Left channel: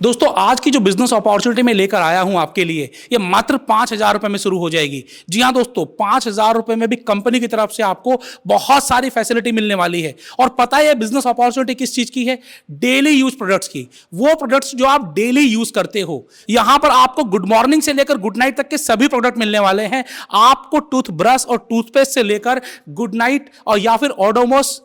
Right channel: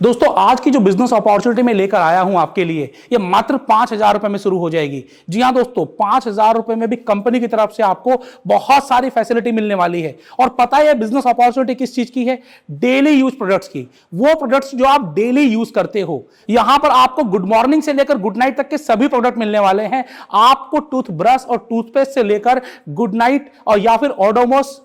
दोस्तों आज की जो बिजनेस अपॉर्चुनिटी मैं लेकर आया हूं आपके लिए, ये मात्र 5,000 रुपए में शुरू हो जाएगी। जी हां दोस्तों, 5,000 रुपए में भी कंपनी की तरफ से आपको बहुत सारी फैसिलिटी मिलने वाली है। और पता है बिजनेस अपॉर्चुनिटी किस चीज की है? डेली यूज प्रोडक्ट्स की। वो प्रोडक्ट्स जो आप डेली यूज करते हो। यहां पर आपको गुड मॉर्निंग से लेकर गुड नाइट तक के सभी प्रोडक्ट मिलने वाले हैं। आपको टूथब्रश और टूथपेस्ट से लेकर गुड नाइट और या फिर ओडोमोस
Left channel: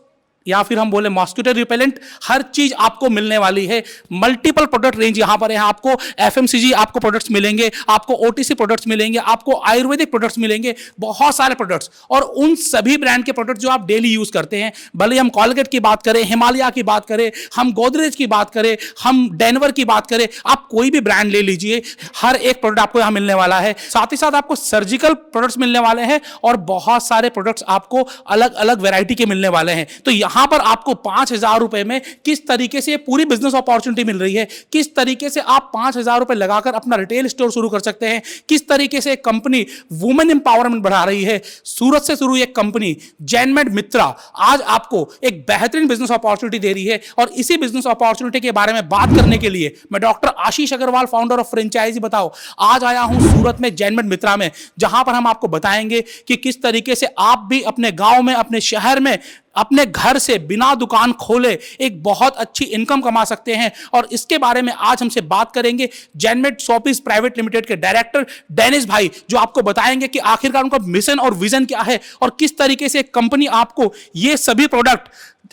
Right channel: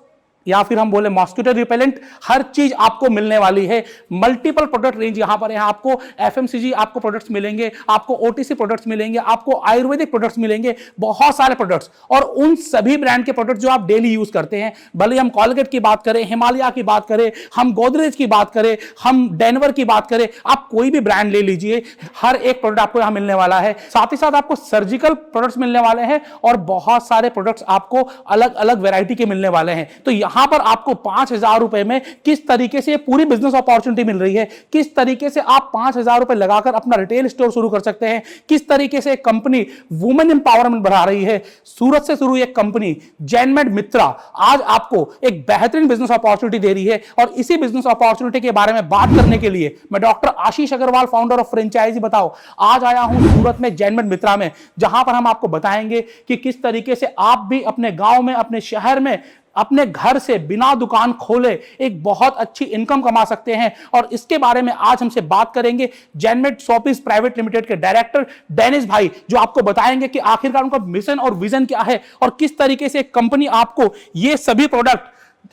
या फिर हम बोले मॉस्किटो रिपेलेंट, हर चीज आपको मिलने वाली है। मल्टीपल प्रोडक्ट रेंज यहां पर है। आपको एफएमसीजी आपको प्रोडक्ट्स मिलेंगे, आपको ओटीसी प्रोडक्ट्स मिलेंगे, आपको आयुर्वेदिक प्रोडक्ट्स मिलेंगे, बहुत सारे प्रोडक्ट्स। और उन सभी ब्रांड के प्रोडक्ट जो आप डेली यूज करते हैं, भले हम कॉलगेट की बात करें, हिमालय की बात करें, हम गोदरेज की बात करें, हम डेनवर की बात करें, आप कोई भी ब्रांड ले लीजिए, हर एक प्रोडक्ट आपको यहां मिलने वाला है। साथ ही साथ आपको सर्जिकल प्रोडक्ट्स मिलने वाले हैं और बहुत सारे प्रोडक्ट्स आपको अलग अलग वैरायटी के मिलने वाले हैं। तो यहां पर आपको 5,000 रुपए में किस तरीके से पूरी बिजनेस अपॉर्चुनिटी मिल रही है, किस तरीके से आप 5,000 रुपए लगाकर अपना रिटेल स्टोर शुरू कर सकते हैं, किस तरीके से एक कंपनी वुमेन एम्पावरमेंट बढ़ा रही है। सूरत से शुरू एक कंपनी जैनमेड मित्रा आज आपको एक बेहतरीन बिजनेस अपॉर्चुनिटी दे रही है। और इसी बिजनेस अपॉर्चुनिटी के बारे में बात करने के लिए मैं doctor Ashish Agarwal, founder of franchisee Batao, आज आया हूं सूरत में जैनमेड मित्रा में, जहां पर हम आपको बताएंगे कि किस तरीके से आप भी अपने गांव में, अपने शहर में, अपने घर से बिना दुकान खोले एक बहुत अच्छी इनकम कमा सकते हैं। और इसके बारे में आज हमसे बात करेंगे जैनमेड शॉपिस प्राइवेट लिमिटेड के डायरेक्टर डेनिस भाई, जो आपको बताएंगे कि आखिरकार उनका मिशन और विजन क्या है और किस तरीके से कंपनी आपको ये सभी प्रोडक्ट,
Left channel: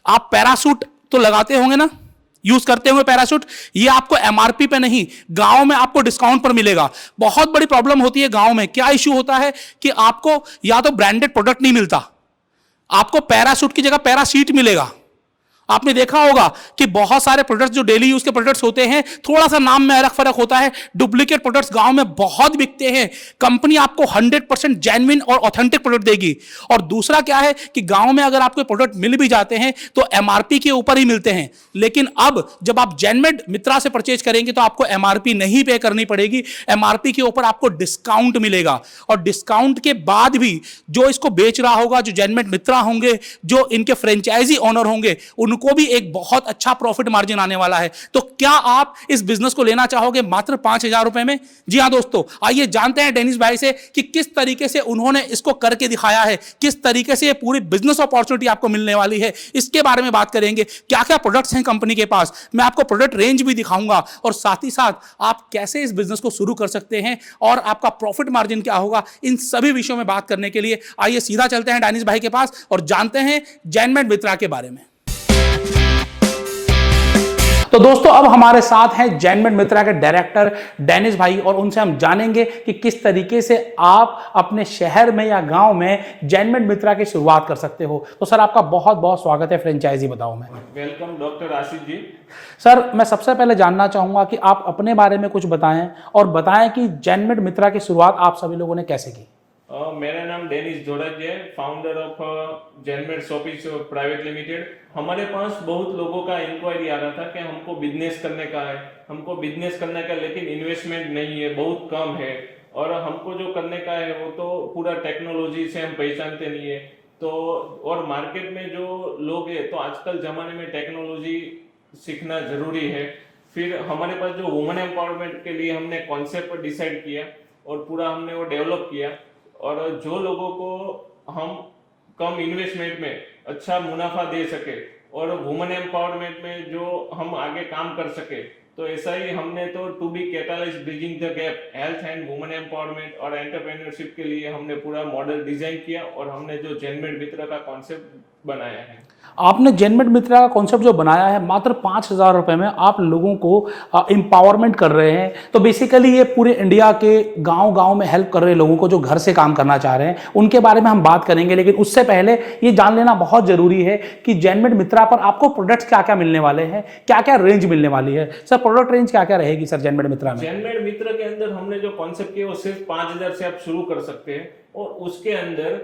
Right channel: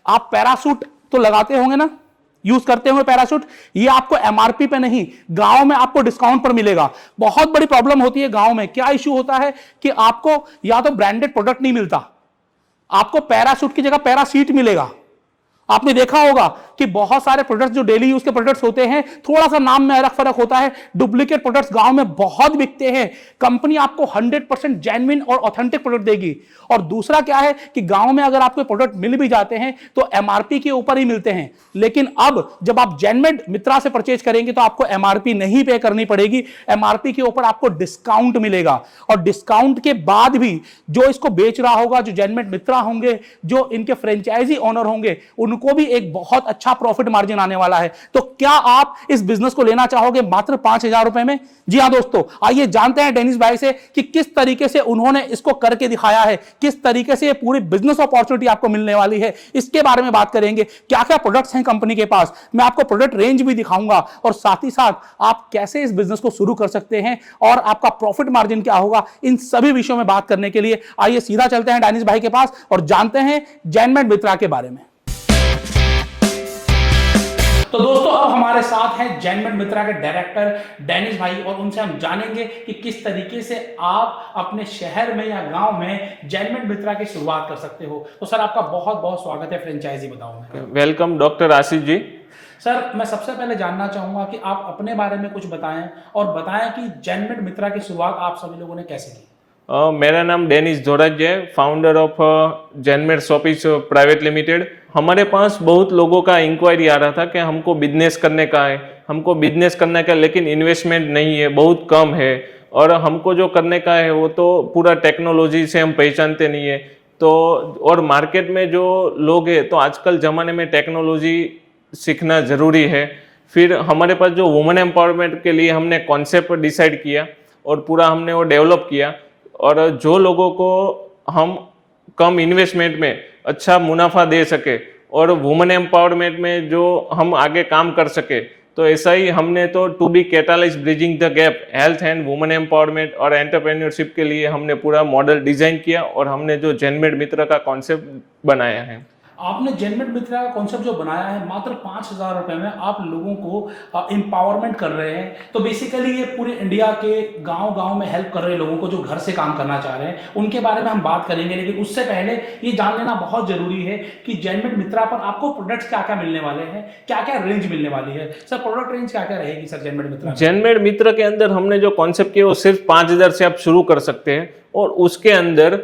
आप पैरासूट तो लगाते होंगे ना, यूज करते हुए पैराशूट, ये आपको एमआरपी पे नहीं, गांव में आपको डिस्काउंट पर मिलेगा। बहुत बड़ी प्रॉब्लम होती है गांव में, क्या इश्यू होता है कि आपको या तो ब्रांडेड प्रोडक्ट नहीं मिलता, आपको पैराशूट की जगह पैरासीट मिलेगा। आपने देखा होगा कि बहुत सारे प्रोडक्ट्स जो डेली यूज के प्रोडक्ट्स होते हैं, थोड़ा सा नाम में अलग फर्क होता है, डुप्लीकेट प्रोडक्ट्स गांव में बहुत बिकते हैं। कंपनी आपको 100% जेन्युइन और ऑथेंटिक प्रोडक्ट देगी। और दूसरा क्या है कि गांव में अगर आपको प्रोडक्ट मिल भी जाते हैं तो एमआरपी के ऊपर ही मिलते हैं। लेकिन अब जब आप जैनमेड मित्रा से परचेज करेंगे तो आपको एमआरपी नहीं पे करनी पड़ेगी, एमआरपी के ऊपर आपको डिस्काउंट मिलेगा। और डिस्काउंट के बाद भी जो इसको बेच रहा होगा, जो जैनमेड मित्रा होंगे, जो इनके फ्रेंचाइजी ओनर होंगे, को भी एक बहुत अच्छा प्रॉफिट मार्जिन आने वाला है। तो क्या आप इस बिजनेस को लेना चाहोगे मात्र 5,000 रुपए में? जी हां दोस्तों, आइए जानते हैं डेनिस भाई से कि किस तरीके से उन्होंने इसको करके दिखाया है, किस तरीके से ये पूरी बिजनेस अपॉर्चुनिटी आपको मिलने वाली है। इसके बारे में बात करेंगे, क्या क्या प्रोडक्ट्स हैं कंपनी के पास, मैं आपको प्रोडक्ट रेंज भी दिखाऊंगा और साथ ही साथ आप कैसे इस बिजनेस को शुरू कर सकते हैं और आपका प्रॉफिट मार्जिन क्या होगा। इन सभी विषयों में बात करने के लिए आइए सीधा चलते हैं डेनिस भाई के पास और जानते हैं जैनमेड मित्रा के बारे में। तो दोस्तों अब हमारे साथ हैं जैनमेड मित्रा के डायरेक्टर डेनिस भाई और उनसे हम जानेंगे कि किस तरीके से आप अपने शहर में या गांव में जैनमेड मित्रा की शुरुआत कर सकते हो। तो सर आपका बहुत बहुत स्वागत है फ्रेंचाइजी बताओ में। Welcome doctor Ashish ji. Sir मैं सबसे पहले जानना चाहूंगा कि आप अपने बारे में कुछ बताएं और बताएं कि जैनमेड मित्रा की शुरुआत आप सभी लोगों ने कैसे की। मेरा नाम डेनिस जोराज है, फाउंडर ऑफ जैनमेड शॉपिस प्राइवेट लिमिटेड। हमारे पास बहुत लोगों का इंक्वायरी आ रहा था कि हमको बिजनेस करने का है, लेकिन इन्वेस्टमेंट नहीं है, बहुत कम है, और हमको जो करने का है वो तो पूरा टेक्नोलॉजी से हम पहचानते नहीं है। तो और मार्केट में जो लोग हैं, तो आजकल ज़माने में टेक्नोलॉजी सीखना ज़रूरी है। फिर हमारे पास जो वुमेन एम्पावरमेंट के लिए हमने कॉन्सेप्ट डिसाइड किया और पूरा हमने वो डेवलप किया, और जो लोगों को हम कम इन्वेस्टमेंट में अच्छा मुनाफा दे सके और वुमेन एम्पावरमेंट में जो हम आगे काम कर सके, तो ऐसा ही हमने तो to be catalyse bridging the gap health and women empowerment और एंटरप्रेन्योरशिप के लिए हमने पूरा मॉडल डिजाइन किया और हमने जो जैनमेड मित्रा का कॉन्सेप्ट बनाया है। आपने जैनमेड मित्रा का कॉन्सेप्ट जो बनाया है, मात्र 5,000 रुपए में आप लोगों को एम्पावरमेंट कर रहे हैं। तो बेसिकली ये पूरे इंडिया के गांव गांव में हेल्प कर रहे लोगों को जो घर से काम करना चाह रहे हैं, उनके बारे में हम बात करेंगे। लेकिन उससे पहले ये जान लेना बहुत जरूरी है कि जैनमेड मित्रा पर आपको प्रोडक्ट्स क्या क्या मिलने वाले हैं, क्या क्या रेंज मिलने वाली है। सर प्रोडक्ट रेंज क्या क्या रहेगी सर जैनमेड मित्रा? जैनमेड मित्रा के अंदर हमने जो कॉन्सेप्ट किया वो सिर्फ 5,000 से आप शुरू कर सकते हैं, और उसके अंदर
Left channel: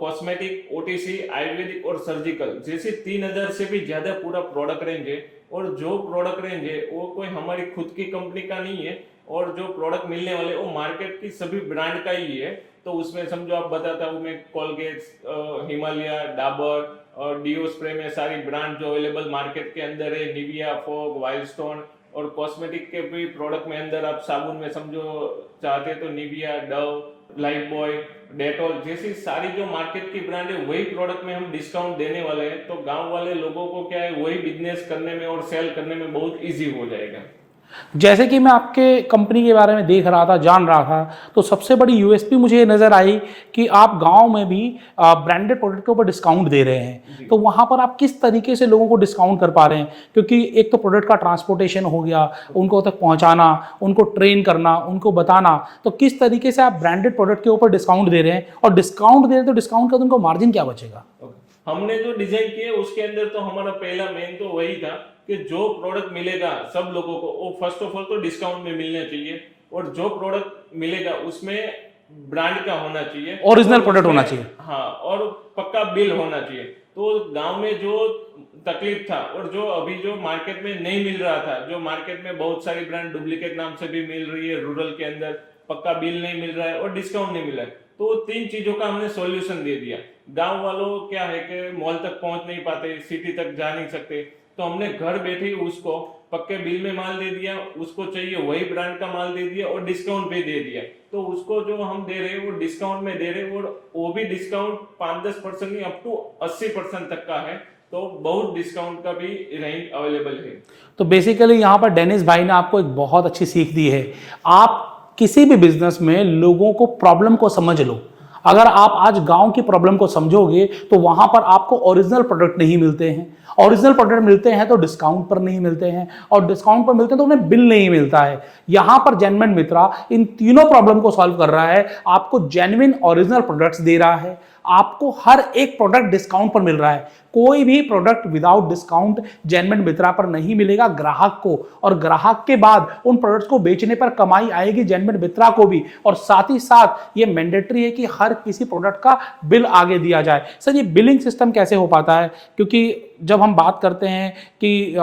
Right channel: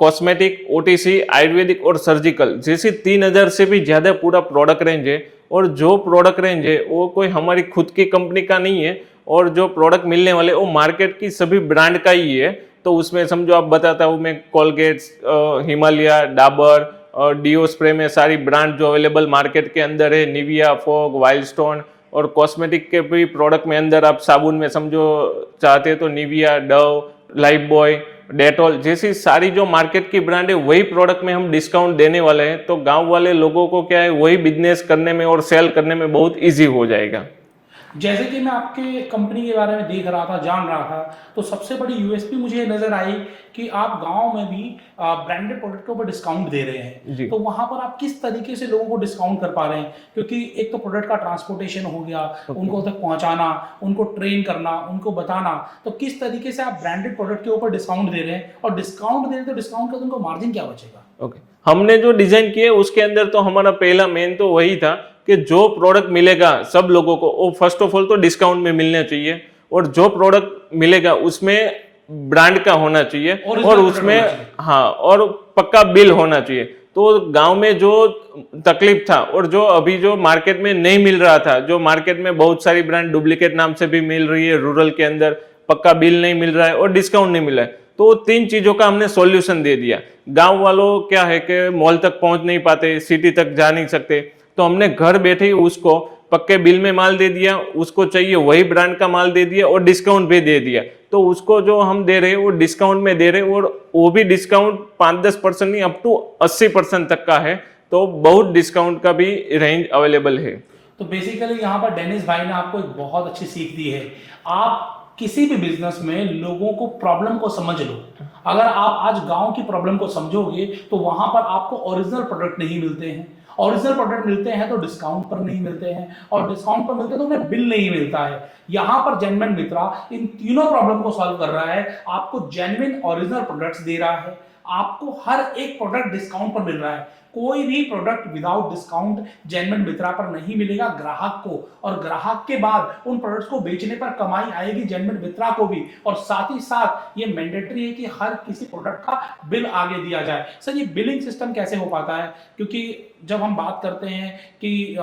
कॉस्मेटिक, ओटीसी, आयुर्वेदिक और सर्जिकल जैसे 3,000 से भी ज्यादा पूरा प्रोडक्ट रेंज है। और जो प्रोडक्ट रेंज है वो कोई हमारी खुद की कंपनी का नहीं है, और जो प्रोडक्ट मिलने वाले वो मार्केट की सभी ब्रांड का ही है। तो उसमें समझो आप बताता हूँ मैं, Colgate, Himalaya, Dabur, deo spray में सारी ब्रांड जो अवेलेबल मार्केट के अंदर है, निविया, फॉग, वाइल्डस्टोन, और कॉस्मेटिक के भी प्रोडक्ट में अंदर आप साबुन में समझो चाहते तो Nivea, Dove, life boy, Dettol जैसी सारी जो मार्केट की ब्रांड है वही प्रोडक्ट में हम डिस्काउंट देने वाले हैं। तो गांव वाले लोगों को क्या है वही बिजनेस करने में और सेल करने में बहुत इजी हो जाएगा। जैसे कि मैं आपके कंपनी के बारे में देख रहा था, जान रहा था, तो सबसे बड़ी यूएसपी मुझे ये नजर आई कि आप गांव में भी ब्रांडेड प्रोडक्ट के ऊपर डिस्काउंट दे रहे हैं। तो वहां पर आप किस तरीके से लोगों को डिस्काउंट कर पा रहे हैं? क्योंकि एक तो प्रोडक्ट का ट्रांसपोर्टेशन हो गया, उनको तक पहुंचाना, उनको ट्रेन करना, उनको बताना, तो किस तरीके से आप ब्रांडेड प्रोडक्ट के ऊपर डिस्काउंट दे रहे हैं? और डिस्काउंट दे रहे हैं तो डिस्काउंट का तो उनको मार्जिन क्या बचेगा? ओके, हमने जो डिजाइन किए उसके अंदर तो हमारा पहला मेन तो वही था कि जो प्रोडक्ट मिलेगा सब लोगों को वो फर्स्ट ऑफ ऑल तो डिस्काउंट में मिलना चाहिए, और जो प्रोडक्ट मिलेगा उसमें ब्रांड का होना चाहिए, ओरिजिनल प्रोडक्ट होना चाहिए। हाँ, और पक्का बिल होना चाहिए। तो गांव में जो तकलीफ था और जो अभी जो मार्केट में नहीं मिल रहा था, जो मार्केट में बहुत सारी ब्रांड डुप्लीकेट नाम से भी मिल रही है, रूरल के अंदर पक्का बिल नहीं मिल रहा है और डिस्काउंट नहीं मिल रहा है, तो तीन चीजों का हमने सॉल्यूशन दे दिया। गांव वालों क्या है कि मॉल तक पहुंच नहीं पाते, सिटी तक जा नहीं सकते, तो हमने घर बैठे ही उसको पक्के बिल में माल दे दिया, उसको चाहिए वही ब्रांड का माल दे दिया और डिस्काउंट भी दे दिया। तो उसको जो हम दे रहे हैं वो डिस्काउंट में दे रहे हैं, और वो भी डिस्काउंट 5-10% नहीं, अप टू 80% तक का है। तो बहुत डिस्काउंट का भी रेंज अवेलेबल है। तो बेसिकली यहाँ पर डेनिस भाई ने आपको एक बहुत अच्छी सीख दी है। आप किसी भी बिजनेस में लोगों को प्रॉब्लम को समझ लो। अगर आप आज गांव की प्रॉब्लम को समझोगे तो वहां पर आपको ओरिजिनल प्रोडक्ट नहीं मिलते हैं, ओरिजिनल प्रोडक्ट मिलते हैं तो डिस्काउंट पर नहीं मिलते हैं, और डिस्काउंट पर मिलते हैं तो उन्हें बिल नहीं मिलता है। यहां पर जेन्युइन मित्रा इन तीनों प्रॉब्लम को सॉल्व कर रहा है। आपको जेन्युइन ओरिजिनल प्रोडक्ट्स दे रहा है, आपको हर एक प्रोडक्ट डिस्काउंट पर मिल रहा है। कोई भी प्रोडक्ट विदाउट डिस्काउंट जेन्युइन मित्रा पर नहीं मिलेगा ग्राहक को, और ग्राहक के बाद उन प्रोडक्ट्स को बेचने पर कमाई आएगी जेन्युइन मित्रा को भी। और साथ ही साथ ये मैंडेटरी है कि हर किसी प्रोडक्ट का बिल आगे दिया जाए। सर, ये बिलिंग सिस्टम कैसे हो पाता है? क्योंकि जब हम बात करते हैं कि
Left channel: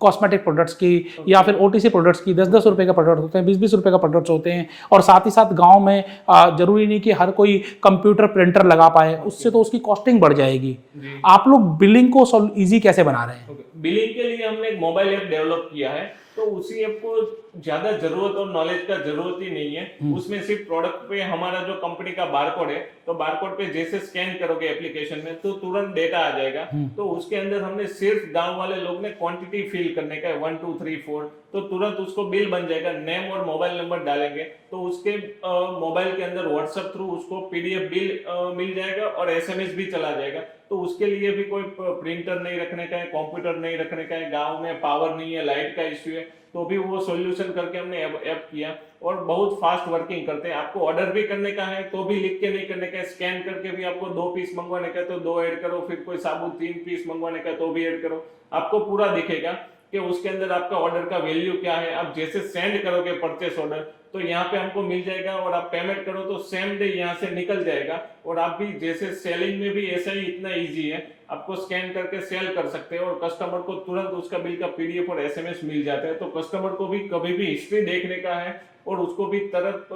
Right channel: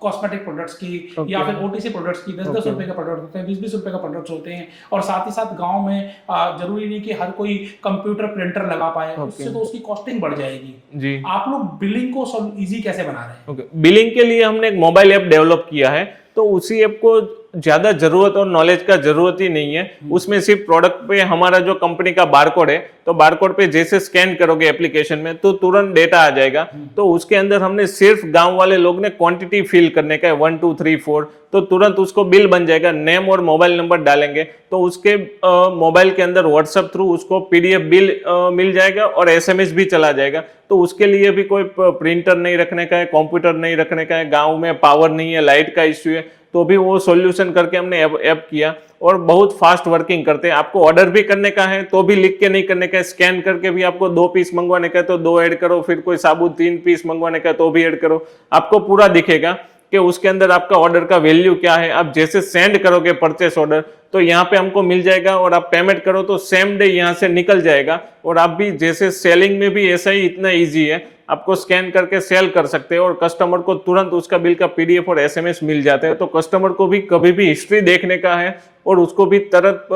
कॉस्मेटिक प्रोडक्ट्स की या फिर ओटीसी प्रोडक्ट्स की 10-10 रुपए का प्रोडक्ट होते हैं, 20-20 रुपए का प्रोडक्ट्स होते हैं, और साथ ही साथ गांव में जरूरी नहीं कि हर कोई कंप्यूटर प्रिंटर लगा पाए, उससे तो उसकी कॉस्टिंग बढ़ जाएगी जी। आप लोग बिलिंग को इजी कैसे बना रहे हैं? बिलिंग के लिए हमने एक मोबाइल ऐप डेवलप किया है, तो उसी ऐप को ज्यादा जरूरत और नॉलेज का जरूरत ही नहीं है। उसमें सिर्फ प्रोडक्ट पे हमारा जो कंपनी का बारकोड है, तो बारकोड पे जैसे स्कैन करोगे एप्लीकेशन में तो तुरंत डेटा आ जाएगा। तो उसके अंदर हमने सिर्फ गांव वाले लोग ने क्वांटिटी फिल करने का है 1 2 3 4, तो तुरंत उसको बिल बन जाएगा। नेम और मोबाइल नंबर डालेंगे तो उसके मोबाइल के अंदर व्हाट्सएप थ्रू उसको पीडीएफ बिल मिल जाएगा और एसएमएस भी चला जाएगा। तो उसके लिए भी कोई प्रिंटर नहीं रखने का है, कंप्यूटर नहीं रखने का है, गाँव में पावर नहीं है, लाइट का इश्यू है, तो भी वो सॉल्यूशन करके हमने ऐप किया और बहुत फास्ट वर्किंग करते हैं। आपको ऑर्डर भी करने का है तो भी लिख के नहीं करने का है, स्कैन करके भी आपको 2 पीस मंगवाने का है तो 2 ऐड करो, फिर कोई साबुन 3 पीस मंगवाने का है तो भी ऐड करो। आपको पूरा दिखेगा कि उसके अंदर आपका ऑर्डर का वैल्यू क्या है। आप जैसे सेंड करोगे परचेस ऑर्डर तो यहाँ पे हमको मिल जाएगा, और आप पेमेंट करो तो सेम डे यहाँ से निकल जाएगा। और आप भी जैसे सेलिंग में भी ऐसा ही इतना ईजी है, आपको स्कैन करके सेल कर सकते हैं और कस्टमर को तुरंत उसका बिल का पीडीएफ और एसएमएस मिल जाते हैं। तो कस्टमर को भी कभी भी हिस्ट्री देखने का है और उसको भी तुरंत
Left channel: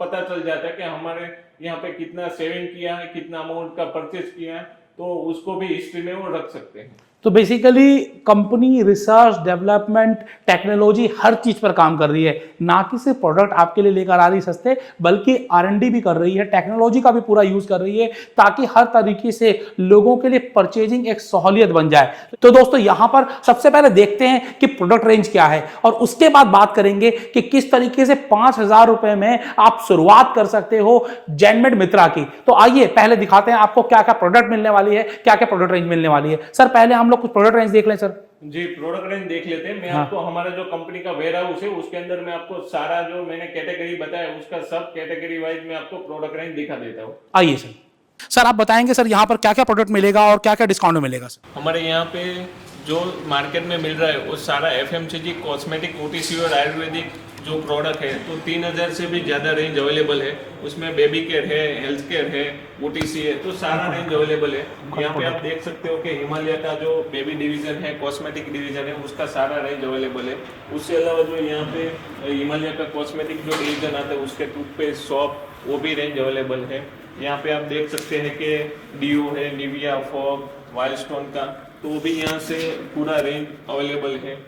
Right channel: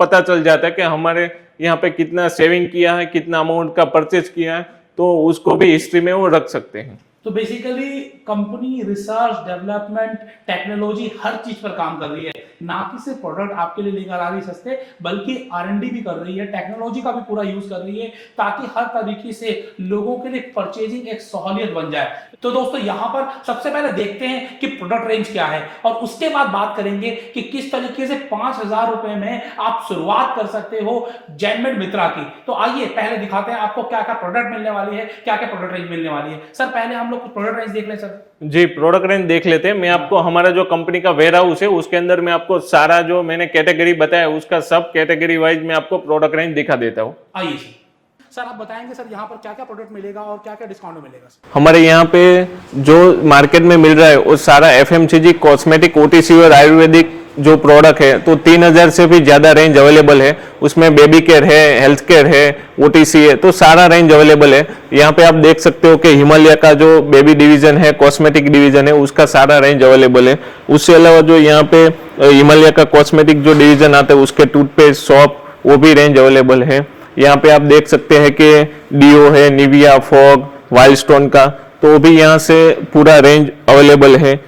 पता चल जाता है कि हमारे यहाँ पे कितना सेविंग किया है, कितना अमाउंट का परचेज किया है, तो उसको भी हिस्ट्री में वो रख सकते हैं। तो basically company research, development, technology हर चीज पर काम कर रही है, ना कि सिर्फ प्रोडक्ट आपके लिए लेकर आ रही सस्ते, बल्कि R&D भी कर रही है, टेक्नोलॉजी का भी पूरा यूज कर रही है, ताकि हर तरीके से लोगों के लिए परचेजिंग एक सहूलियत बन जाए। तो दोस्तों, यहां पर सबसे पहले देखते हैं कि प्रोडक्ट रेंज क्या है, और उसके बाद बात करेंगे कि किस तरीके से 5,000 रुपए में आप शुरुआत कर सकते हो जेनमेड मित्रा की। तो आइए पहले दिखाते हैं आपको क्या क्या प्रोडक्ट मिलने वाली है, क्या क्या प्रोडक्ट रेंज मिलने वाली है। सर, पहले हम कुछ प्रोडक्ट रेंज देख लें। सर जी, प्रोडक्ट रेंज देख लेते हैं। मैं आपको हमारा जो कंपनी का वेयर हाउस है उसके अंदर मैं आपको सारा जो मैंने कैटेगरी बताया उसका सब कैटेगरी वाइज मैं आपको प्रोडक्ट रेंज दिखा देता हूँ। आइए सर, आप बताएंगे सर यहाँ पर क्या क्या प्रोडक्ट मिलेगा और क्या क्या डिस्काउंट मिलेगा। सर, हमारे यहाँ पे जो मार्केट में मिल रहा है वो सारा FMCG, कॉस्मेटिक, OTC और आयुर्वेदिक जो प्रोडक्ट है, तो 3,000 से भी ज्यादा रेंज अवेलेबल है। उसमें बेबी केयर है, हेल्थ केयर है, OTC है, तो सारा रेंज अवेलेबल है। यहाँ पे आप देख सकते हो कि हिमालय का जो बेबी डिवीजन है, कॉस्मेटिक डिवीजन है, उसका सारा रेंज अवेलेबल है। उससे अलावा जो यहाँ पे हिमालय का कॉस्मेटिक जो डिवीजन आता है उसके टूथपेस्ट, सॉप, वो भी रेंज अवेलेबल है। यहाँ पे आप देख सकते हैं कि डीओ है, निविया, फॉग, वाइल्ड स्टोन का, तो भी यहाँ से पूरा रेंज अवेलेबल है।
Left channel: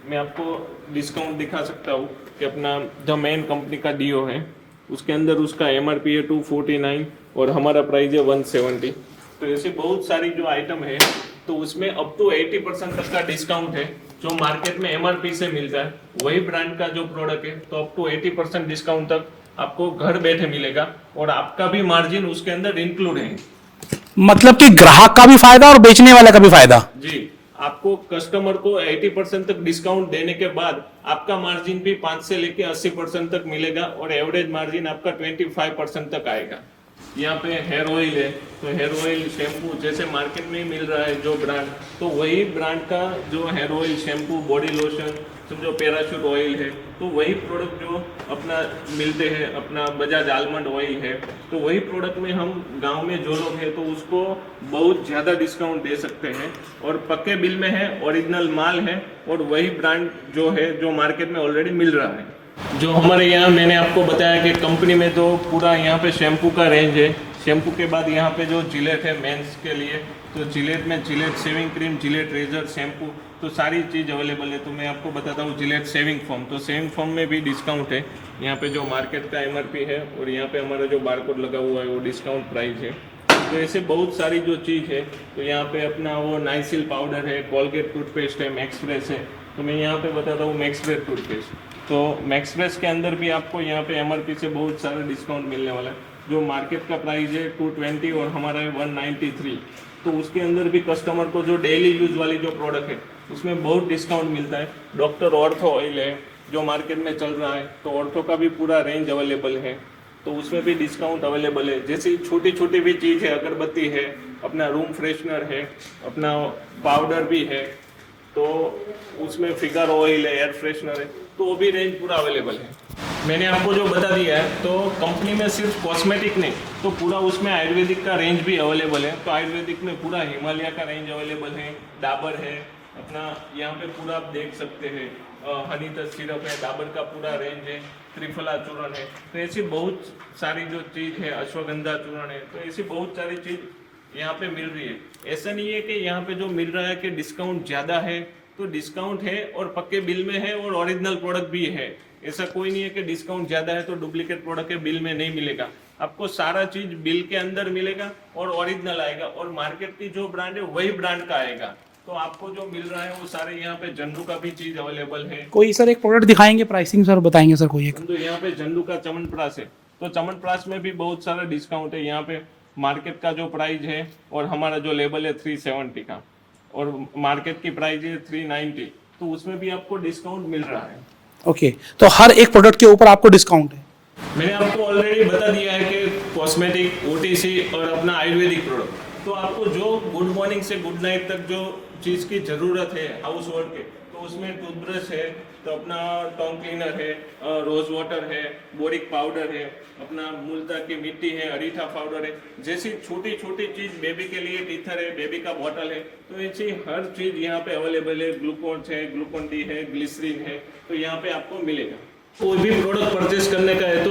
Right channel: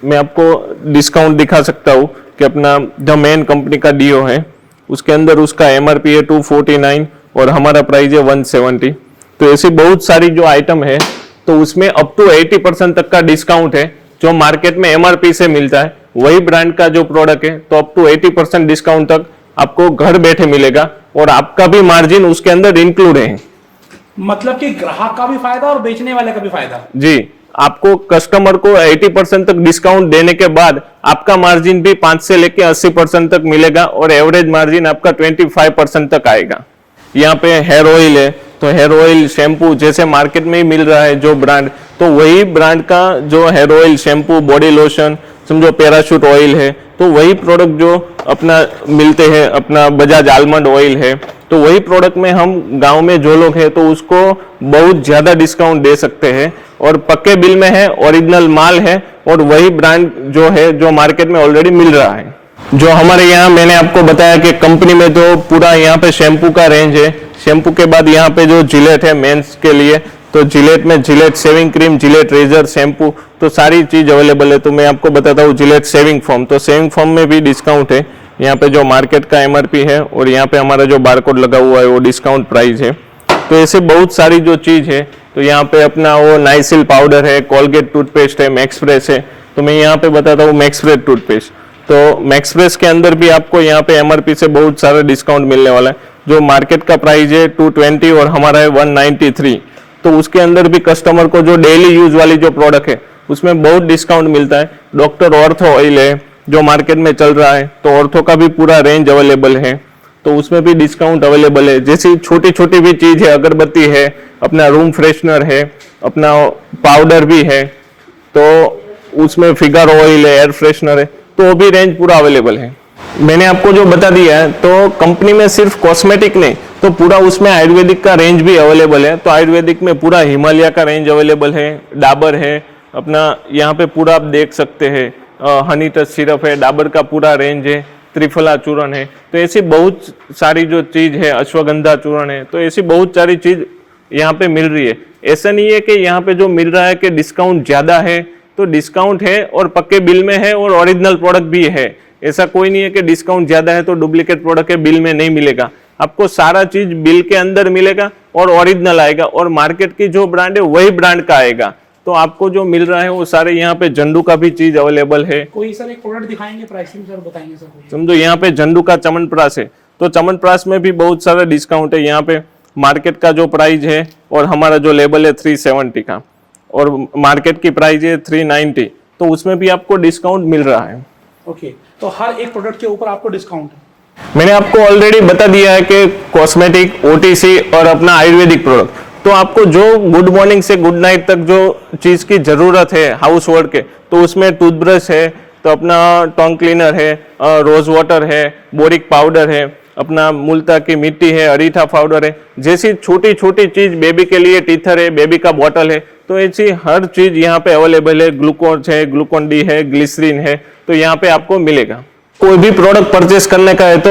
मैं आपको डिस्काउंट दिखा सकता हूँ कि अपना द मेन कंपनी का डीओ है, उसके अंदर उसका एमआरपी है 249 और हमारा प्राइस है 170। तो ऐसी बहुत सारी जो आइटम है तो उसमें अप टू 80% तक का डिस्काउंट है। जो मार्केट में एमआरपी से मिलता है वही ब्रांड का जो प्रोडक्ट है तो अप टू 80% डिस्काउंट तक आपको घर बैठे मिलेगा और आपका भी मार्जिन उसके अंदर इंक्लूड है। मतलब कि ग्राहक का भी फायदा और बेचने वाले का भी फायदा। जी, आपको कस्टमर को 80% तक डिस्काउंट देने के बाद आपका मार्जिन भी 5 से लेके 80% तक मिलेगा और एवरेज मार्जिन आपका 25% तक आएगा। यहाँ पे हेयर ऑयल है तो हेयर ऑयल शैम्पू जैसे मार्केट में ही मिल रहा है जो ब्रांड, तो वही ब्रांड का जो hair oil shampoo body lotion समझो पैराशूट ऑयल है तो वही प्रोडक्ट जो अपना मिलते हैं, अपना बजाज आलमंड ऑयल है तो वही प्रोडक्ट में हम गांव में जो लोग हैं तो उसको बहुत ज्यादा डिस्काउंट दे सकते हैं और पक्के बिल में है, ओरिजिनल माल है और वही ब्रांड जो है जो मार्केट में ऑलरेडी मिल रहा है। जो हमारे यहाँ मैंने आपको बताया कि कंपनी में जो पूरा यहाँ पे शैम्पू का रेंज है, शैम्पू के बाद यहाँ पे जो जिलेट है मेंस के लिए तो जिलेट में Gillette shaving cream, Gillette razor, shampoo तो सारी चीज अवेलेबल है। तो मैं आपको बताता हूँ जिलेट शेविंग फोम, तो शेविंग फोम में भी डिस्काउंट है। यहाँ पे जो मार्केट का एमआरपी है और यहाँ पे हमारा जो बारकोड लगा हुआ है वो डिस्काउंट प्राइस है। तो ऐसे बहुत सारी जो चीज है तो यहाँ पे अपना वो नाइसिल पाउडर है, कोलगेट टूथपेस्ट है, मैक्स फ्रेश है। तो मैं यहाँ पे बताता हूँ मैक्स फ्रेश टूथपेस्ट, तो मैक्स फ्रेश के अंदर भी आपको यहाँ पे एमआरपी से बहुत सारा डिस्काउंट मिलने वाला है। जो मार्केट का प्राइस है 220 और हमारा है 193, तो उसके अंदर भी कस्टमर को जो डेली यूज वाली जो प्रोडक्ट है उसमें बहुत डिस्काउंट मिलता है। डॉक्टर ऑर्थो ऑयल है जो मार्केट में चल रहा है तो ऑर्थो का भी पूरा रेंज अवेलेबल है तो उसमें भी डिस्काउंट अवेलेबल है। जैसी छोटी छोटी भी चीज है, अगरबत्ती है, अपना रूम फ्रेशनर है, अपना पाउडर भी है तो उसमें फिगर ऑयल है, एयर फ्रेशनर है तो वो भी रेंज पूरा अवेलेबल है। मैंने आपको जो बता दिया है तो कंपनी में सिर्फ कॉस्मेटिक नहीं तो पूरा उसमें आयुर्वेदिक का रेंज भी अवेलेबल है। तो आयुर्वेदिक में पूरा हिमालय का रेंज अवेलेबल है, डाबर है, अपना यहाँ पे पूरा आप देख सकते हैं हनी टच सिरप है, डाबर का पूरा रेंज है, त्रिफला चूर्ण है। तो ऐसी बहुत सारी जो चीज है, अश्वगंधा चूर्ण है, तो ऐसी बहुत सारी चीज यहाँ पे मिल रही है। ऐसा नहीं है कि यहाँ पे जो मिल रहा है कि डिस्काउंट ज्यादा है, तो डिस्काउंट है और पक्के बिल में है और ओरिजिनल प्रोडक्ट भी है। ऐसा कोई नहीं है कि डिस्काउंट ज्यादा है तो डुप्लीकेट प्रोडक्ट के बिल में नहीं मिलेगा। आपको सारा चीज बिल के अंदर मिलेगा और ओरिजिनल आएगा और मार्केट की जो ब्रांड है वही ब्रांड का आएगा। तो आपको जो मिल रहा है वो सारे यहाँ पे झंडू का भी चीज अवेलेबल है। कोई सर एक प्रोडक्ट दिखाएंगे, प्राइसिंग सर बताएंगे सर कोई? समझो यहाँ पे झंडू का चमनप्राश है तो चमनप्राश में भी बहुत सारा डिस्काउंट है। यहाँ पे मार्केट का जो प्राइस है और हमारा जो लेबल है 370 का और मार्केट की प्राइस है 390, तो उसमें भी आपको डिस्काउंट मिल रहा है। ओके, तो हर एक प्रोडक्ट के ऊपर आपको डिस्काउंट है। मैंने आपको ऑलरेडी बता दिया है कि कॉस्मेटिक, ओटीसी और अपना आयुर्वेदिक प्रोडक्ट, तो आपको जो गुड मॉर्निंग से गुड नाइट तक जो चीज की जरूरत है हाउस होल्ड के, तो उसमें टूथब्रश है, तो अपना टंग क्लीनर है, रोज वाटर है, बोरिक पाउडर है, अपना मुल्ता की मिट्टी है, अरीठा पाउडर है, जैसी छोटी छोटी चीज, बेबी के लिए टीथर है, बेबी का बॉटल है, तो ऐसी हर चीज यहाँ पे अवेलेबल है। ग्लूकोन है, ग्लूकोन डी है, ग्लिसरीन है, तो यहाँ पे आपको मिलेगा। कोई भी प्रोडक्ट परचेस करने का है तो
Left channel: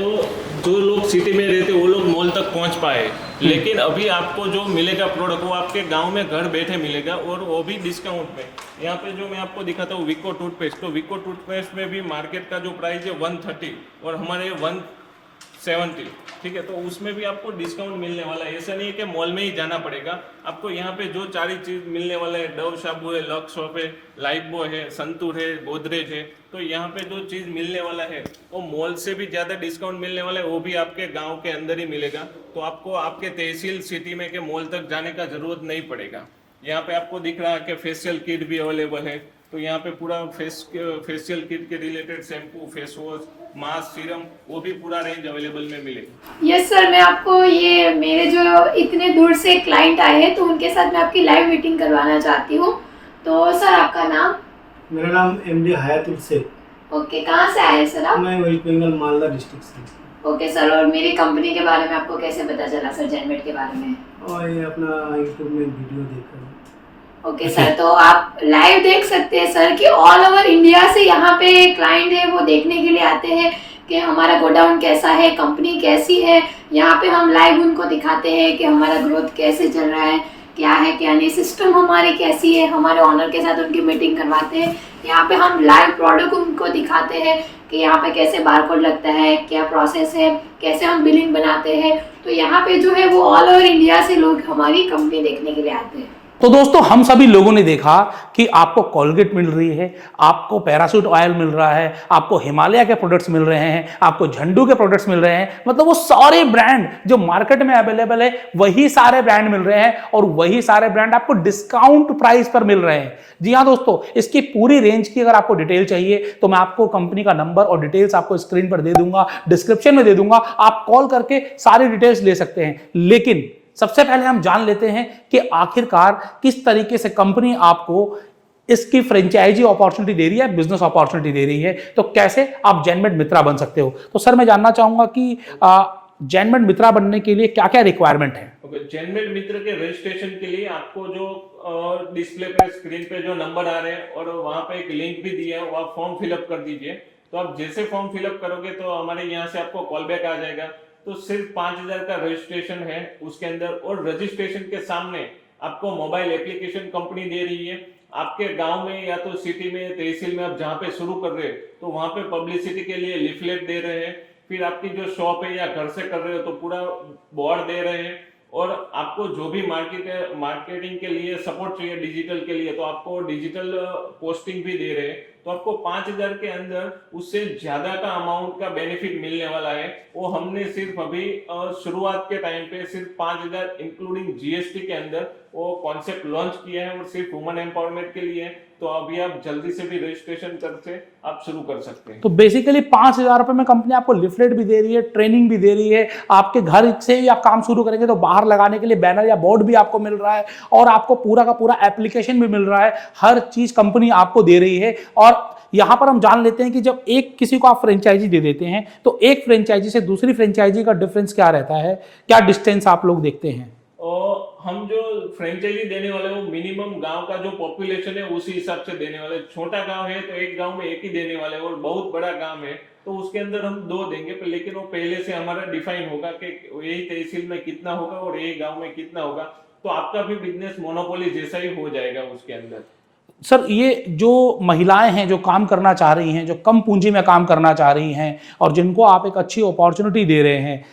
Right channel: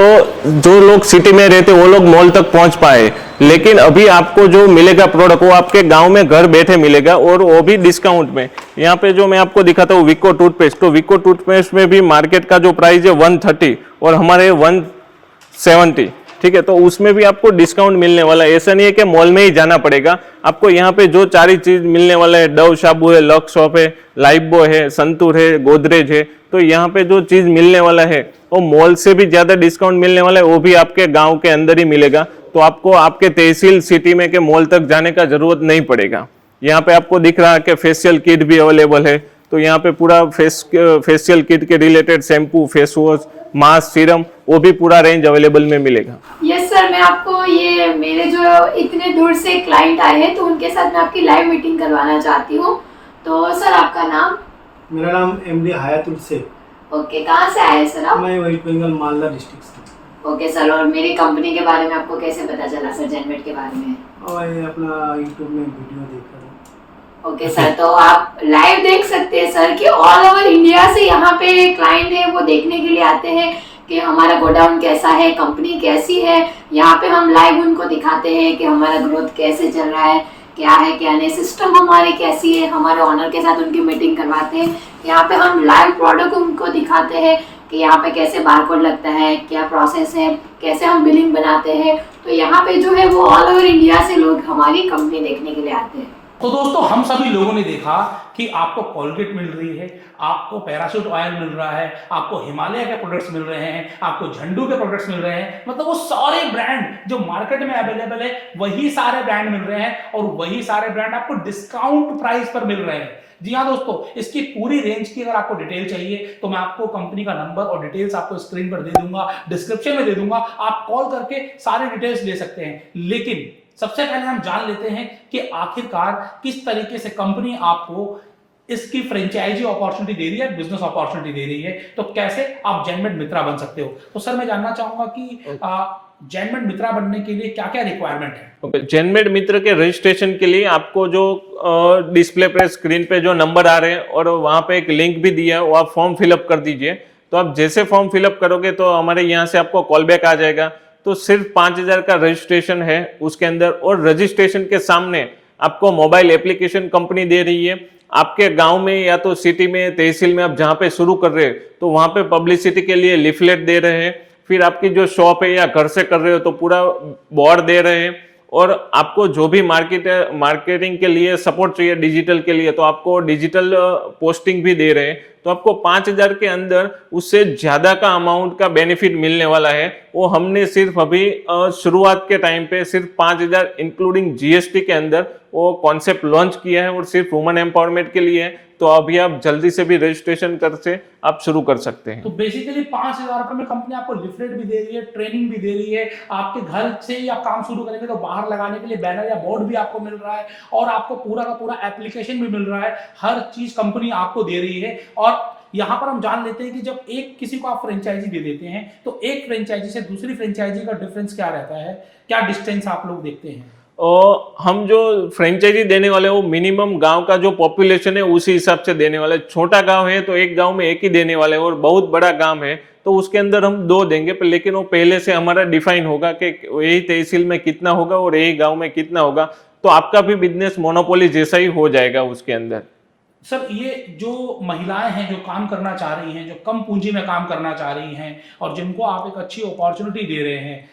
जो लोग सिटी में रहते वो लोग मॉल तक पहुंच पाए, लेकिन अभी आपको जो मिलेगा प्रोडक्ट वो आपके गांव में घर बैठे मिलेगा और वो भी डिस्काउंट में। यहाँ पे जो मैं आपको दिखाता हूँ विको टूथपेस्ट, तो विको टूथपेस्ट में भी मार्केट का जो प्राइस है 130 और हमारे 170, ठीक है, तो उसमें भी आपको डिस्काउंट मिलने वाला है। ऐसा नहीं है कि मॉल में ही जाना पड़ेगा, आपको यहाँ पे जो सारी चीज मिलने वाला है, डव साबु है, लक्स शॉप है, लाइफबॉय है, संतूर है, गोदरेज है, तो यहाँ पे जो चीज मिलने वाला है वो मॉल से भी ज्यादा डिस्काउंट मिलने वाला है, वो भी आपके गांव के अंदर ही मिलेगा। तो आपको आपके तहसील सिटी में के मॉल तक जाने का जरूरत नहीं पड़ेगा। यहाँ पे आपको दिख रहा है कि फेशियल किट भी अवेलेबल है, तो यहाँ पे पूरा फेशियल किट के related shampoo, face wash, mask, serum, वो भी पूरा रेंज अवेलेबल में मिलेगा। यस सर, मैं आपको ये मेरे जो इतने दूर से क्लाइंट आए हैं तो उनके साथ मैं आपकी लाइव मीटिंग करवाना चाहती हूँ। तो सर आपका नाम? मेरा नाम एमडी हयातुल शेख। ओके, कहाँ से आए सर आप? मैं वेस्ट बंगाल मालदा डिस्ट्रिक्ट से। ओके सर, और मेरी कंपनी के बारे में आपको कैसे पता चला सर, जेनमेट के बारे में? और ये अपना यूट्यूब में वीडियो देखकर। ओके सर, तो आप लाइव देख सकते हैं सर कि ऑल ओवर इंडिया से यहाँ पे क्लाइंट है वो देखने के लिए आते हैं कि हमारा गोडाउन कैसा है, कंपनी कैसी है। यहाँ पे हम लाइव उनको दिखाते हैं कि हमारा ग्रोथ कैसे चल रहा है, क्या है क्या नहीं, सिस्टम हमारी कैसी है, हमारे ऑनर के साथ उनकी मीटिंग करवाते हैं। यहाँ पे हम लाइव प्रोडक्ट उनको दिखाते हैं कि यहाँ पे कैसे बारकोड लगता है, क्या प्रोसेस है, कैसे हम बिलिंग बनाते हैं। तो यहाँ पे जो है वो ऑल ओवर इंडिया से लोग हमारी कंपनी देखने के लिए आते हैं। तो दोस्तों हम सभी लोगों ने देखा कि आपको कोलगेट मिल रही है, आपको पैराशूट ऑयल मिल रहा है, आपको हिमालय के प्रोडक्ट्स मिल रहे हैं, आपको झंडू के प्रोडक्ट्स मिल रहे हैं। मतलब वो सारे ब्रांड जो मार्केट में अवेलेबल है वही सारे ब्रांड मिल रहे हैं और वही सारे ब्रांड आपको डिस्काउंट प्राइस पर मिल रहे हैं। जी हाँ दोस्तों, इसकी पूरी रेंज की अगर आपको डिटेल चाहिए तो मैं आपको कंपनी का नंबर और डिटेल्स आपको स्क्रीन पर दे दूंगा, डिस्क्रिप्शन में दे दूंगा, आप कॉल करके सारी डिटेल्स ले सकते हैं। लेकिन सबसे पहले हम जान लेते हैं कि आखिरकार किस तरीके से कंपनी आपको इसकी फ्रेंचाइजी अपॉर्चुनिटी दे रही है, बिजनेस अपॉर्चुनिटी दे रही है, तो कैसे आप जैनमेड मित्रा बन सकते हो। तो सर मैं जानना चाहूंगा कि जैनमेड मित्रा बनने के लिए क्या क्या रिक्वायरमेंट है। ओके, जैनमेड मित्र के रजिस्ट्रेशन के लिए आपको जो डिस्प्ले पे स्क्रीन पे जो नंबर आ रहे हैं और वहां पे एक लिंक भी दिया है, वो आप फॉर्म फिलअप कर दीजिए। तो आप जैसे फॉर्म फिलअप करोगे तो हमारे यहाँ से आपको कॉल बैक आ जाएगा। तो सिर्फ 5,000 का रजिस्ट्रेशन है उसके अंदर, और रजिस्ट्रेशन के सामने आपको मोबाइल एप्लीकेशन कंपनी दे रही है। आपके गांव में या तो सिटी में, तहसील में आप जहां पे शुरू कर रहे हो तो वहां पे पब्लिसिटी के लिए लिफलेट दे रहे हैं। फिर आपकी जो शॉप है या घर से कर रहे हो तो पूरा बोर्ड दे रहे हैं। और आपको जो भी मार्केटिंग के लिए सपोर्ट चाहिए डिजिटल के लिए, तो आपको डिजिटल पोस्टिंग भी दे रहे हैं। तो आपको 5,000 के अंदर उससे ज्यादा का अमाउंट का बेनिफिट मिलने वाला है। वो हमने सिर्फ अभी शुरुआत के टाइम पे सिर्फ 5,000 इंक्लूडिंग जीएसटी के अंदर वो कॉन्सेप्ट लॉन्च किया है और सिर्फ वुमेन एम्पावरमेंट के लिए है। तो अभी आप जल्दी से भी रजिस्ट्रेशन कर से आप शुरू कर सकते हैं। तो बेसिकली 5,000 रुपए में कंपनी आपको लिफलेट भी दे रही है, ट्रेनिंग भी दे रही है, आपके घर से ही आप काम शुरू करेंगे तो बाहर लगाने के लिए बैनर या बोर्ड भी आपको मिल रहा है, और आपको पूरा का पूरा एप्लीकेशन भी मिल रहा है। हर चीज कंपनी आपको दे रही है। और यहां पर हम जान लेते हैं कि जब एक किसी को आप फ्रेंचाइजी दे देते हैं तो एक फ्रेंचाइजी से दूसरी फ्रेंचाइजी का डिफरेंस क्या रहता है, क्या डिस्टेंस आप लोग देखते हैं। और हम जो फ्रेंचाइजी देने वाले वो मिनिमम गांव का जो पॉपुलेशन है उसी हिसाब से देने वाले। छोटा गांव है तो एक गांव में एक ही देने वाले, और बहुत बड़ा गांव है तो उसके अंदर हम 2 देंगे, लेकिन वो पहले से हमारा डिफाइन होगा कि यही तहसील में कितना होगा और यही गांव में कितना होगा। तो आपका भी बिजनेस मोनोपोली जैसा ही हो जाएगा उसके अंदर। सर ये जो महिलाएं हैं जो काम करना चाह रही हैं, जो कम पूंजी में काम करना चाह रही हैं और जिनको आप एक अच्छी अपॉर्चुनिटी दे रहे हैं,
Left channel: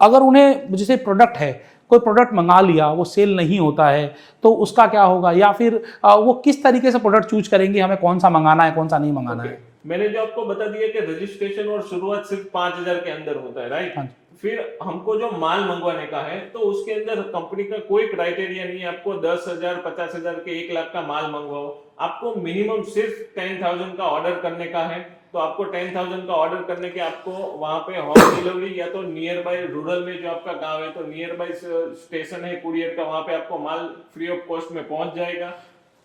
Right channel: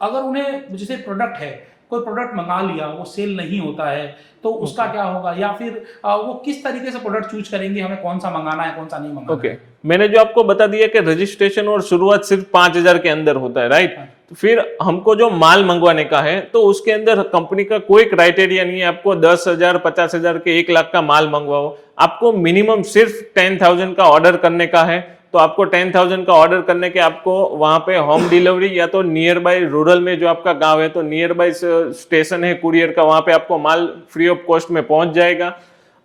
अगर उन्हें जैसे प्रोडक्ट है, कोई प्रोडक्ट मंगा लिया वो सेल नहीं होता है तो उसका क्या होगा, या फिर वो किस तरीके से प्रोडक्ट चूज करेंगे, हमें कौन सा मंगाना है कौन सा नहीं मंगाना है। मैंने जो आपको बता दिया कि रजिस्ट्रेशन और शुरुआत सिर्फ 5,000 के अंदर होता है, राइट। तो फिर हमको जो माल मंगवाने का है तो उसके अंदर कंपनी का कोई क्राइटेरिया नहीं है। आपको 10,000, 50,000 के 1 लाख का माल मंगवाओ, आपको मिनिमम सिर्फ 10,000 का ऑर्डर करने का है। तो आपको 10,000 का ऑर्डर करने के आपको वहां पे होम डिलीवरी या तो नियर बाय रूरल में जो आपका गांव है तो नियर बाय स्टेशन है कुरियर का, वहां पे आपको माल फ्री ऑफ कॉस्ट में पहुंच जाएगा।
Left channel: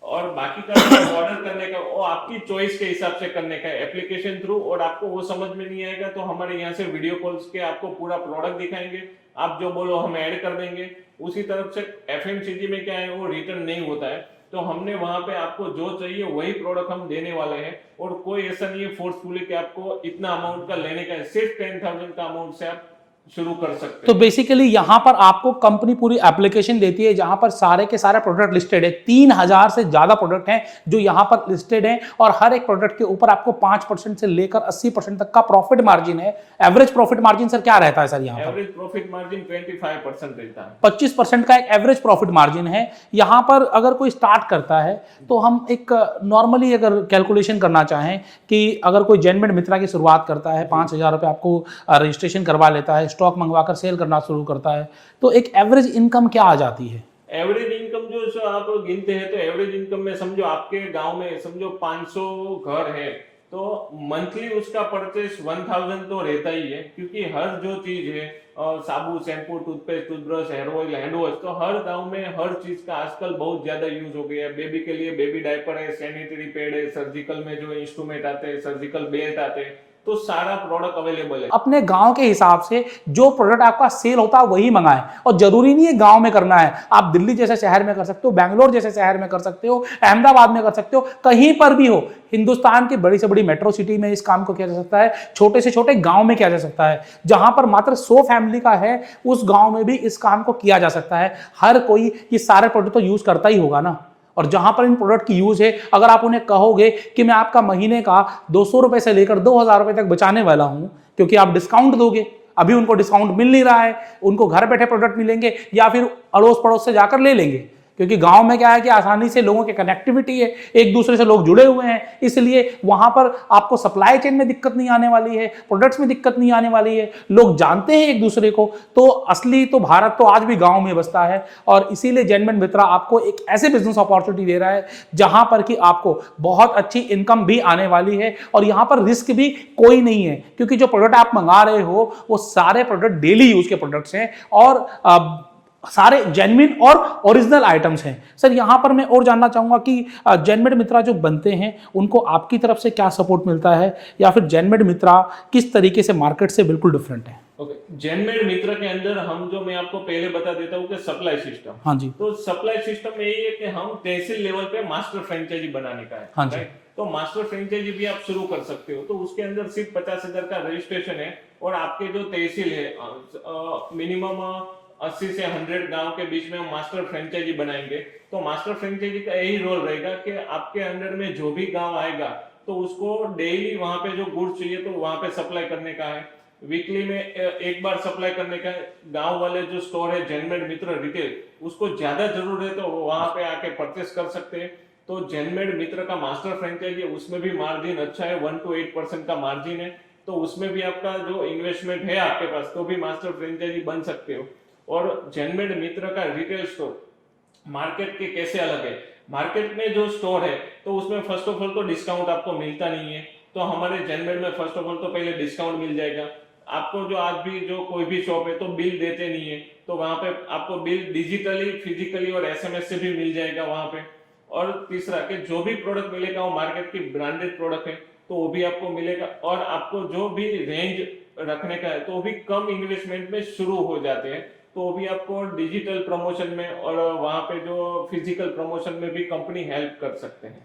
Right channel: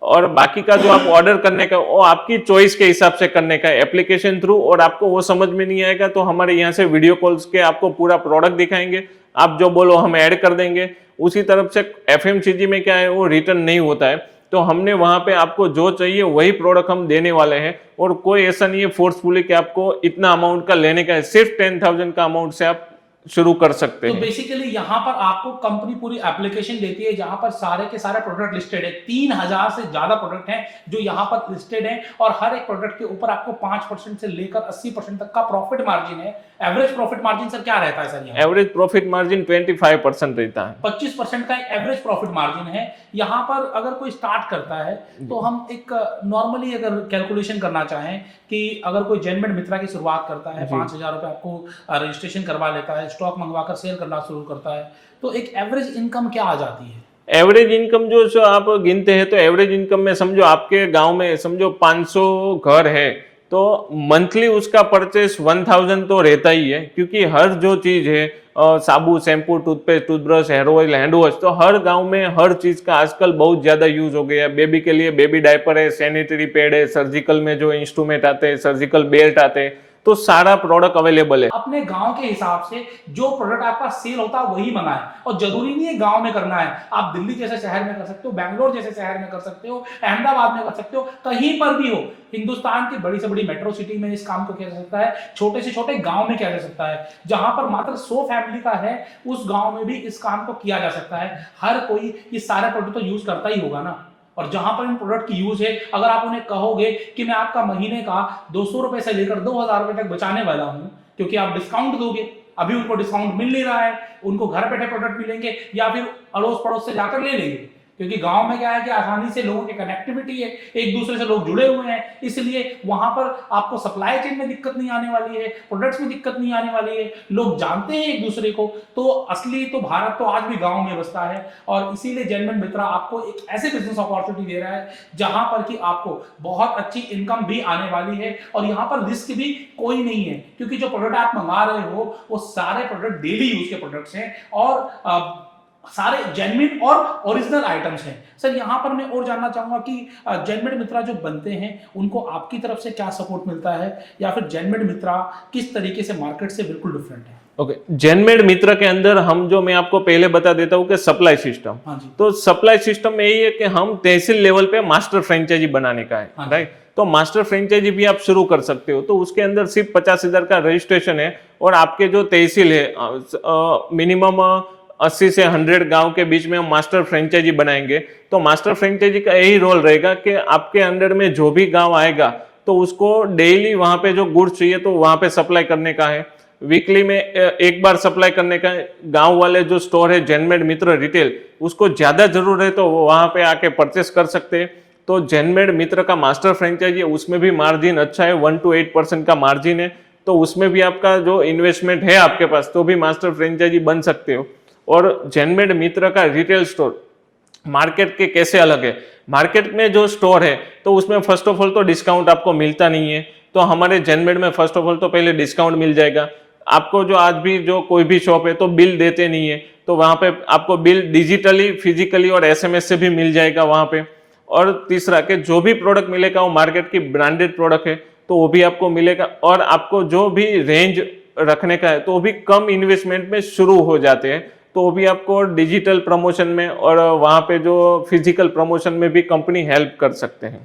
और बाकी का जो आप ऑर्डर करने का वो आपकी चॉइस के हिसाब से करने का एप्लीकेशन थ्रू। और आपको वो समझ में नहीं आएगा तो हमारे यहाँ से वीडियो कॉल्स के आपको पूरा प्रोडक्ट दिखाएंगे, आप जो बोलो हम ऐड कर देंगे। उसी तरफ से एफएमसीजी में क्या है वो रिटर्न नहीं होता है, तो हमने वहां पे आपको जो चाहिए वही प्रोडक्ट हम देने वाले हैं। और कोई ऐसा नहीं है फोर्सफुली कि आपको इतना अमाउंट का लेने का है, सिर्फ 10,000 का अमाउंट से आप शुरू कर सकते हैं। तो बेसिकली यहाँ पर आपको कंपनी पूरी एप्लीकेशन देती है जहां पर सारे के सारे प्रोडक्ट लिस्टेड है। 3,000 से ज्यादा प्रोडक्ट हैं जो यहाँ पर लिस्टेड हैं, और हर एक प्रोडक्ट के ऊपर आपको 5% से लेकर 80% तक का प्रॉफिट मार्जिन है। एवरेज प्रॉफिट मार्जिन सर क्या रहता है सर यहाँ? एवरेज प्रॉफिट मार्जिन 25% रहता है। 25% का एक एवरेज प्रॉफिट मार्जिन है। यहाँ पर अगर कोई स्टार्ट करता है तो हम एक नॉर्मली अगर कैलकुलेशन करना चाहें कि अगर कोई जैनमेड मित्रा की शुरुआत करता है, 5,000 रुपये आपको रजिस्ट्रेशन करवा लेता है, स्टॉक मंगवाकर सेल करना शुरू करता है, तो एक एवरेज इनकम क्या आ जाती है? एवरेज इनकम जो आप गिनते हैं तो एवरेज इनकम में समझो आपके गांव में समझो 500 घर है तो मंथली उसका परचेस 1,000 तो रहता ही है, क्योंकि हर जो चीज है साबु, shampoo, toothpaste, toothbrush, hair oil, hand wash, तो हर गांव में हर चीज का आजकल बहुत ज्यादा यूज हो गया है। बेबी के लिए बेबी डायपर है, सैनिटरी पैड है, सर्जिकल में जो इंस्ट्रूमेंट आते हैं, सर्जिकल बेल्ट आते हैं, तो सारा प्रोडक्ट अवेलेबल है। अपने गांव के हिसाब से जो प्रोडक्ट आपका सेल होता है वही मंगाएं, और जरूरी नहीं है गांव में करना है, आप दिल्ली जैसे शहर में कर सकते हो, बैंगलोर जैसे शहर में कर सकते हो, अहमदाबाद में कर सकते हो, कहीं पर भी हो। हिंदुस्तान की बड़ी से बड़ी मेट्रो सिटी में इस काम को किया जा सकता है, छोटे से छोटे गांव में किया जा सकता है, जहां पर मात्र 100 फैमिली का है उस गांव में भी इस काम को किया जा सकता है। हर कोई ये सारे प्रोडक्ट तो यूज करता ही होगा ना, और जहां पर इन प्रोडक्ट की यूज है, अगर आप उन्हें कहोगे कि मैं आपका महीने का 200 रुपए से लेकर 2000 रुपए तक बचाने वाला हूं क्योंकि आप डिस्काउंट दोगे, अभी उनको डिस्काउंट मिल नहीं रहा है, उनको घर बैठे प्रोडक्ट मिलेंगे या फिर अड़ोस पड़ोस से जाकर ले लेंगे, क्योंकि गांव में क्या है कि आसानी से लोगों की कनेक्टिविटी है, एक दूसरे से लोग जुड़े हुए हैं, इसलिए वहां पर आपको सप्लाई चेन में दिक्कत नहीं आने वाली है, प्रोडक्ट्स में दिक्कत नहीं आने वाली है, लोग जानते हैं एक दूसरे को। तो असली तो भारत तो आज भी गांव में बसता है, और इसीलिए जेनमेड मित्रा आपको एक ऐसे बिजनेस अपॉर्चुनिटी दे रहा है जहां पर कि आपको बहुत अच्छी इनकम भी आने वाली है, और यहां पर रिस्क भी कोई नहीं है, क्योंकि जो प्रोडक्ट आप मंगा रहे हो वो सारे प्रोडक्ट डेली यूज के प्रोडक्ट्स हैं और सारे जेन्युइन और ओरिजिनल आइटम्स हैं। सर यहाँ पर मैं और जानना चाहूंगा कि जेनमेड मित्रा जो बनते हैं उनको आपकी तरफ से क्या सपोर्ट मिलता है, या फिर जेनमेड मित्रा किस तरीके से मार्केट से बिल्कुल डिफरेंट है? ओके, जेनमेड मित्र के अंदर हम जो मैं आपको पहले बता देता हूँ कि सप्लाई सिस्टम, हाँ जी, तो सप्लाई सिस्टम में यही है कि हम तहसील लेवल पे मास्टर फ्रेंचाइजी बनाने का है, हाँ राइट। तो मास्टर फ्रेंचाइजी भी आप शुरू कर सकते हो, तो उसके अंदर सिर्फ 50,000 का रजिस्ट्रेशन है, और आपके जो तहसील है मिनिमम 80 से 100 गांव के बीच में हम मास्टर फ्रेंचाइजी बनाएंगे। तो मास्टर फ्रेंचाइजी का यही रोल रहेगा कि आपके अंडर में जो भी गांव आएगा तो उसको डेली वहां पे जो गुड्स चाहिए तो वहां पे सप्लाई करने का है, वीकली में एक बार सप्लाई करने का है। गांव वाले जो स्टोर है जेनमेड मित्र रिटेल, उसको ज्यादा जरूर है तो वहां पे आके परचेस कर सकते हैं। तो जेनमेड मित्र का मास्टर फ्रेंचाइजी है, उसमें भी मार्जिन अच्छा है, 1 to 8% का मार्जिन है, तो उसमें भी आपका जो इन्वेस्टमेंट है आपके पास तो भी मास्टर फ्रेंचाइजी बन सकते हो। और जेनमेड मित्र का रिटेल स्टोर मार्केट के कैसे अलग है, मार्केट में जो स्टोर है तो उसमें फर्स्ट ऑफ ऑल तो डिस्काउंट आपको मिलता नहीं है, तो हमारे जेनमेड में फर्स्ट ऑफ ऑल तो पहले डिस्काउंट मिल जाएगा आपको। जो आज भी जो कोई भी शॉप है तो बिल देते नहीं है, तो वहां पे आपको बिल डिजिटली, फिजिकली और SMS से भी मिल जाएगा वहां पे। और तीसरा कि जो भी प्रोडक्ट मिलेगा वो मार्केट की ब्रांडेड प्रोडक्ट है तो वो भी आपको मिलेगा, और आपको जो भी रेंज रखने का है तो वो भी कम इन्वेस्टमेंट में शुरू हो जाते हैं, तो वो भी आपको डिजिटल प्रमोशन में और वहां पे जो फिजिकल प्रमोशन में भी कंपनी हेल्प कर सकते हैं।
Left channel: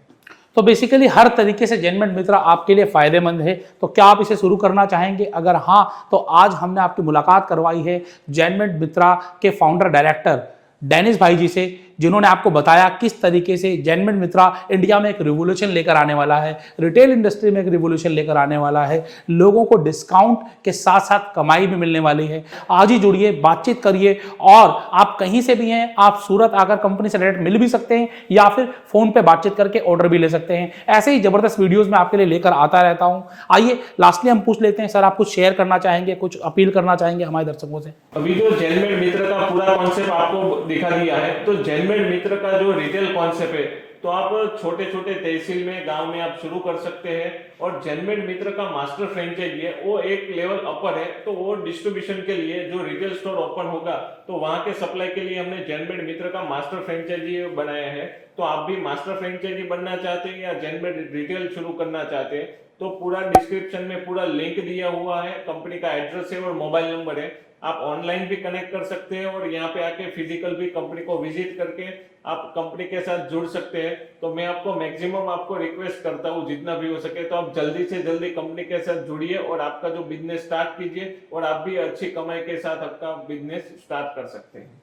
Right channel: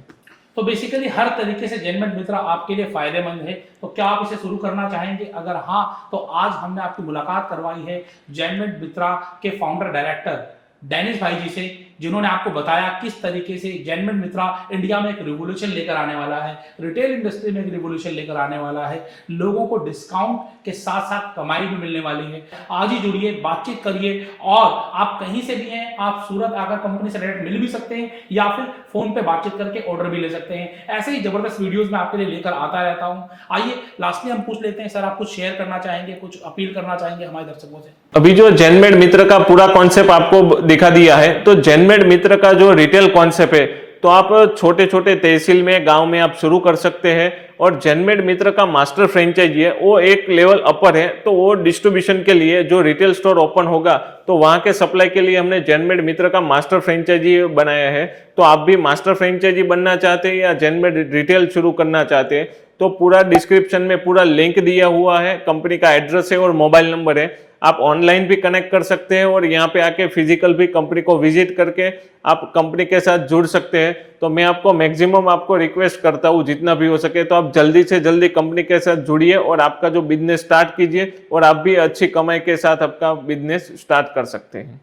तो बेसिकली हर तरीके से जेनमेड मित्रा आपके लिए फायदेमंद है, तो क्या आप इसे शुरू करना चाहेंगे? अगर हाँ, तो आज हमने आपकी मुलाकात करवाई है जेनमेड मित्रा के फाउंडर डायरेक्टर डेनिस भाई जी से, जिन्होंने आपको बताया किस तरीके से जेनमेड मित्रा इंडिया में एक रिवोल्यूशन लेकर आने वाला है, रिटेल इंडस्ट्री में एक रिवोल्यूशन लेकर आने वाला है, लोगों को डिस्काउंट के साथ साथ कमाई भी मिलने वाली है। आज ही जुड़िए, बातचीत करिए, और आप कहीं से भी हैं, आप सूरत आकर कंपनी से डायरेक्ट मिल भी सकते हैं या फिर फोन पे बातचीत करके ऑर्डर भी ले सकते हैं। ऐसे ही जबरदस्त वीडियोज में आपके लिए लेकर आता रहता हूं। आइए लास्टली हम पूछ लेते हैं, सर आप कुछ शेयर करना चाहेंगे, कुछ अपील करना चाहेंगे हमारे दर्शकों से? अभी जो जेनमेड मित्र का पूरा कॉन्सेप्ट आपको दिखा दिया है, तो जेनमेड मित्र का जो रिटेल कॉन्सेप्ट है तो आप छोटे छोटे तहसील में, गांव में आप शुरू कर सकते हैं। और जेनमेड मित्र का मास्टर फ्रेंचाइजी है वो एक लेवल अपर है, तो वो डिस्ट्रीब्यूशन के लिए जो रिटेल स्टोर ओपन होगा तो वहां के सप्लाई के लिए हमने जेनमेड मित्र का मास्टर फ्रेंचाइजी बनाया है। तो आप भी मास्टर फ्रेंचाइजी बनना चाहते हैं या जेनमेड रिटेल शुरू करना चाहते हैं तो पूरा डिस्क्रिप्शन में पूरा लिंक दिया हुआ है, कंपनी का एड्रेस है और मोबाइल नंबर है, आप ऑनलाइन भी कनेक्ट कर सकते हैं और यहाँ पे आके फिजिकल भी कंपनी को विजिट करके आप कंपनी के साथ जुड़ सकते हैं। तो मैं आपको मैक्सिमम आपको रिक्वेस्ट करता हूँ जितना भी हो सके तो आप जल्दी से जल्दी कंपनी के साथ जुड़िए और आपका जो बिजनेस स्टार्ट कीजिए, और आप भी अच्छी कमाई के साथ आपका बिजनेस स्टार्ट कर सकते हैं।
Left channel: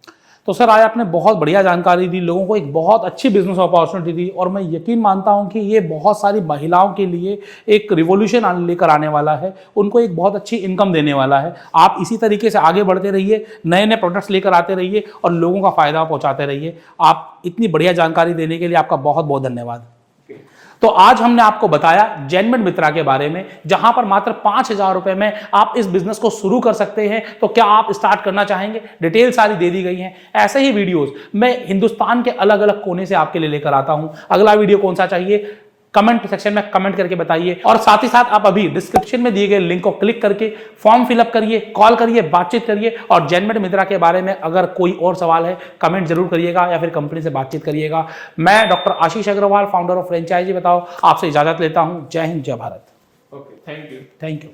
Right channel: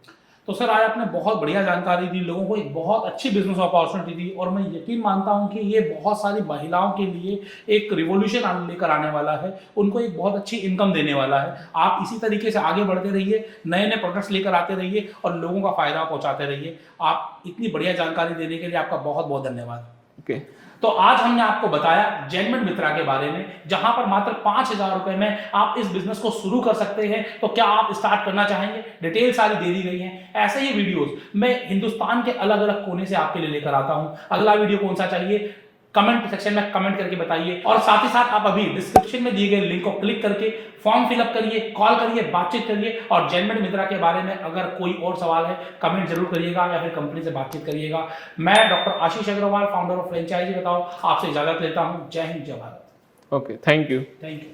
तो सर आज आपने बहुत बढ़िया जानकारी दी, लोगों को एक बहुत अच्छी बिजनेस अपॉर्चुनिटी दी, और मैं यकीन मानता हूं कि ये बहुत सारी महिलाओं के लिए एक रिवॉल्यूशन लेकर आने वाला है, उनको एक बहुत अच्छी इनकम देने वाला है। आप इसी तरीके से आगे बढ़ते रहिए, नए नए प्रोडक्ट्स लेकर आते रहिए और लोगों का फायदा पहुंचाते रहिए। आप इतनी बढ़िया जानकारी देने के लिए आपका बहुत बहुत धन्यवाद। ओके, तो आज हमने आपको बताया जेनमेड मित्रा के बारे में, जहां पर मात्र 5,000 रुपए में आप इस बिजनेस को शुरू कर सकते हैं। तो क्या आप स्टार्ट करना चाहेंगे? डिटेल सारी दे दी गई है। ऐसे ही वीडियोस मैं हिंदुस्तान के अलग अलग कोने से आपके लिए लेकर आता हूं। अगला वीडियो कौन सा चाहिए कमेंट सेक्शन में कमेंट करके बताइए, और साथ ही साथ आप अभी डिस्क्रिप्शन में दिए गए लिंक को क्लिक करके फॉर्म फिलअप करिए, कॉल करिए, बातचीत करिए, और जेनमेड मित्रा के बारे में अगर कोई और सवाल है कमेंट जरूर करिएगा या फिर कंपनी से बातचीत करिएगा। मैं doctor Ashish Agarwal, founder of franchisee Batao, आपसे इजाजत लेता हूं। जय हिंद, जय Bharat. Okay, thank you. Thank you.